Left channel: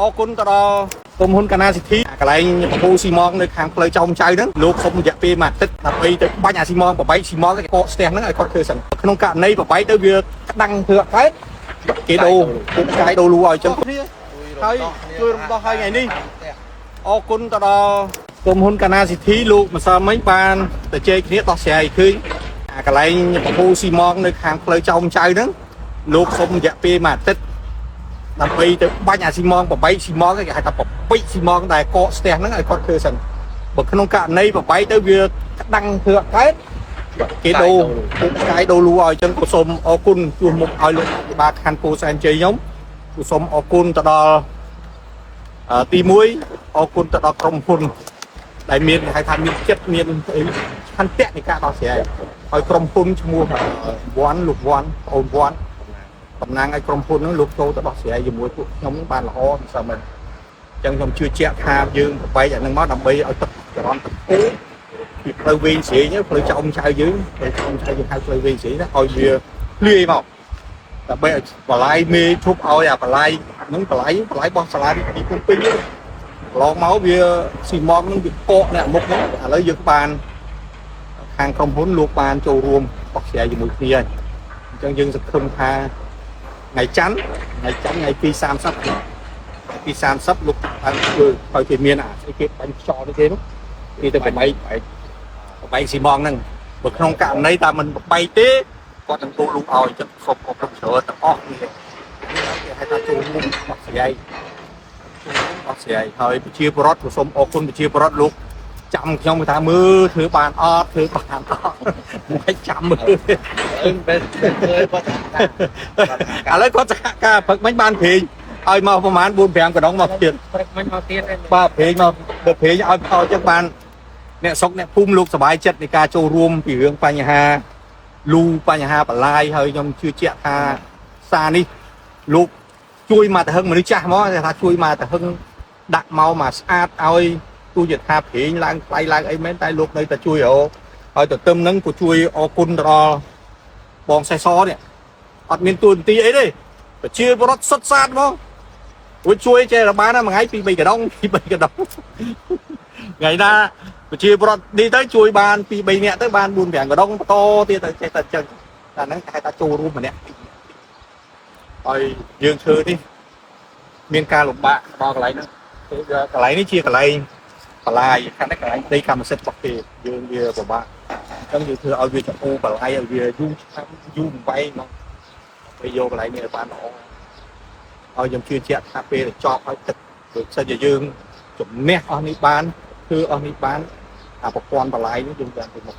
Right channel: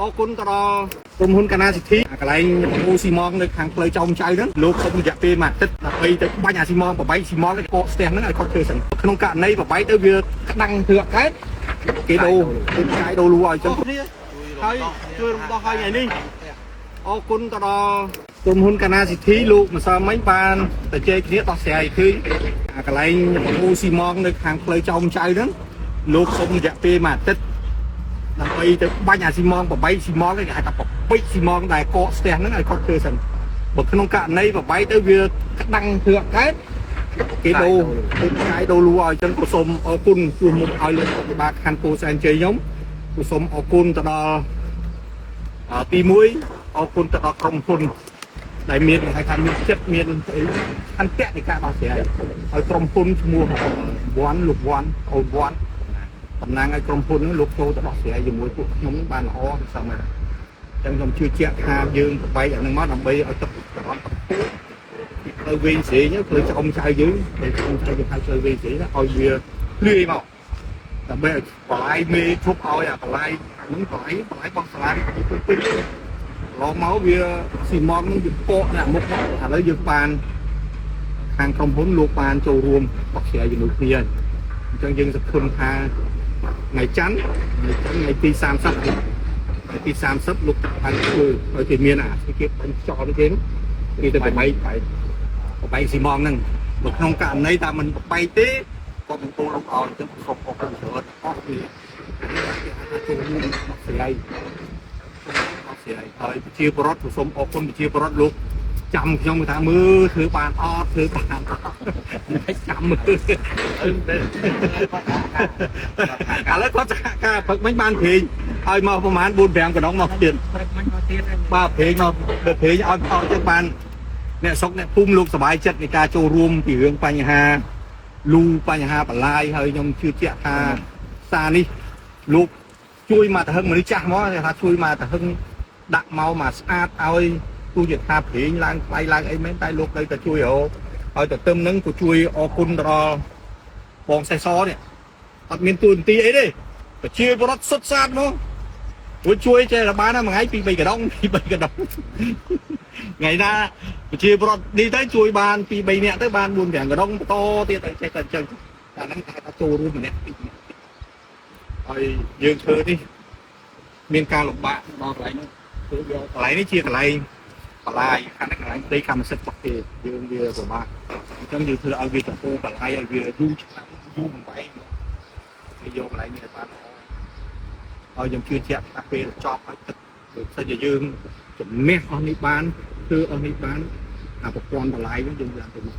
អរគុណទៅដល់ក្រុមហ៊ុនកាណាស៊ីធីកន្លែងបបូស៊ីម៉ងនៅខាងផ្លូវចោមចៅហ្នឹងលោកសុំរយៈពេលមួយអាទិត្យដើម្បីទៅបាញ់អាស៊ីម៉ងប្របែកស៊ីម៉ងទៅកកស្ទះហ្នឹងឲ្យគាត់ធ្វើសិនក្នុងករណីប្របែកទៅវាក្តាំងធ្វើអកកើតគេដូរពុកកាយដូរលូឲ្យចឹងគ្នាហើយជួយរំដោះឲ្យថ្ងៃនេះអរគុណទៅដល់ក្រុមហ៊ុនកាណាស៊ីធីលោកម្សិលមិញបានទៅជែកគ្នាដោះស្រាយឃើញអាកន្លែងបបូស៊ីម៉ងនៅខាងផ្លូវចោមចៅហ្នឹងលោកសុំរយៈពេលមួយអាទិត្យដើម្បីទៅបាញ់អាស៊ីម៉ងប្របែកស៊ីម៉ងគេហៅថាប្របែកស៊ីម៉ងដែលកកស្ទះហ្នឹងឲ្យគាត់ធ្វើសិនបើក្នុងករណីប្របែកទៅវាក្តាំងធ្វើអកកើតគេដូរពុកកាយដូរលូឲ្យចឹងក៏សូមអរគុណជួសមុខឲ្យលោកអភិបាលខណ្ឌពោធិ៍សែនជ័យខ្ញុំគឺសូមអរគុណទៅដល់ទី1អរគុណទៅដល់ក្រុមហ៊ុនដែលមានហៅថាមានចិត្តមានឆន្ទៈនៃការដោះស្រាយឲ្យក្រុមហ៊ុនឈ្មោះវ៉ាន់លោកវ៉ាន់អូនវ៉ាន់តំណាងឲ្យក្រុមហ៊ុនហ្នឹងលោកចូលទៅដោះស្រាយជាមួយពួកខ្ញុំបានល្អមិនសមទេអញ្ចឹងខ្ញុំជឿជាក់ថាយើងប្របែកអាហ្នឹងមកដើម្បីឲ្យទឹកចរន្តទឹកពុះពីផ្លូវវែងស្រីផ្លូវចោមចៅយើងផ្លូវចោមចៅយើងហៅផ្លូវវែងស្រីណាឲ្យវាលាយមកដើម្បីឲ្យបលាយមេឈប់ឲ្យអាបលាយហ្នឹងបលាយបោះសាលាទីពុំពេញឡងមកវាស៊ីម៉ងហ្នឹងវាកកអ្នកមុខហ្នឹងឥឡូវយើងបានខាងក្រុមហ៊ុនលោកបានចូលរួមដោះស្រាយជាមួយគ្នាហើយអញ្ចឹងយើងសង្ឃឹមថាថ្ងៃច័ន្ទថ្ងៃទី30ថ្ងៃទី30លោកឲ្យធ្វើឲ្យគេមានអាគេបាញ់ខ្យល់នេះគេនោះគេទៅប្របែកស៊ីម៉ងហ្នឹងបើក្នុងករណីតែមិនប្របែកទេគាត់នឹងទូលលោកឲ្យអញ្ចឹងសូមអរគុណច្រើនទាំងអស់គ្នាគេហៅថាចូលរួមដោះស្រាយហើយប្រជាពលរដ្ឋក៏សូមអរគុណប្រជាពលរដ្ឋលោកចាំខ្ញុំថាមើលធ្វើបានអត់មិនចាំមើលឥឡូវគាត់សហការព្រឹកមិញបានព្រេងឲ្យមកប្រហែល 4-5 កណ្ដុងមកទៀតព្រឹកមិញមកទៀតបាទព្រេងមកដល់ព្រេងឲ្យផលចឹងបានអ្នកស្រុកអ្នកភូមិលោកសប្បាយចិត្តនៃការចូលរួមពីរឿងបញ្ហាលូបញ្ហាបលាយហើយខ្ញុំជឿជាក់ថាសារនេះលោកជួយមកទៅហឹងមនុស្សចាស់មកថាជួយមកទៅហឹងដាក់មកស្អាតឲ្យទូជាថាព្រេងឡើងថ្លៃឡើងអីមែនតែលោកនៅតែជួយឲ្យទៅទឹមហ្នឹងក៏ជួយអរគុណដល់បងសេះសនេះអត់មានទួនាទីអីទេប្រជាពលរដ្ឋសុទ្ធសាធមកជួយចេះរបានមួយថ្ងៃ 2-3 កណ្ដុងថ្ងៃណាប្រជាពលរដ្ឋនេះទៅជួយបាន 2-3 នាក់ទៅបាន 4-5 កណ្ដុងបន្តទៀតទៅចេះតែអញ្ចឹងតែហ្នឹងគេថាចូលរួមម្នាក់ឲ្យយើងធ្វើនេះមានការលំបាកដល់កន្លែងហ្នឹងគឺកន្លែងនេះជាកន្លែងបលាយខាងនេះកន្លែងដីកម្មសិទ្ធិរបស់គេយើងវាពិបាកអញ្ចឹងយើងធ្វើឲ្យវាចោលបលាយឲ្យវាយូរឆ្នាំយូរបំបីមកហើយយកកន្លែងនេះឲ្យបានល្អហើយខ្ញុំជឿជាក់ថាពេលចប់ឲ្យទឹកដូចសិនជាយើងជំនះអស់នេះបានគឺអស់នេះបានអាប្រព័ន្ធបលាយនេះយើងយ៉ាងទៅមុខ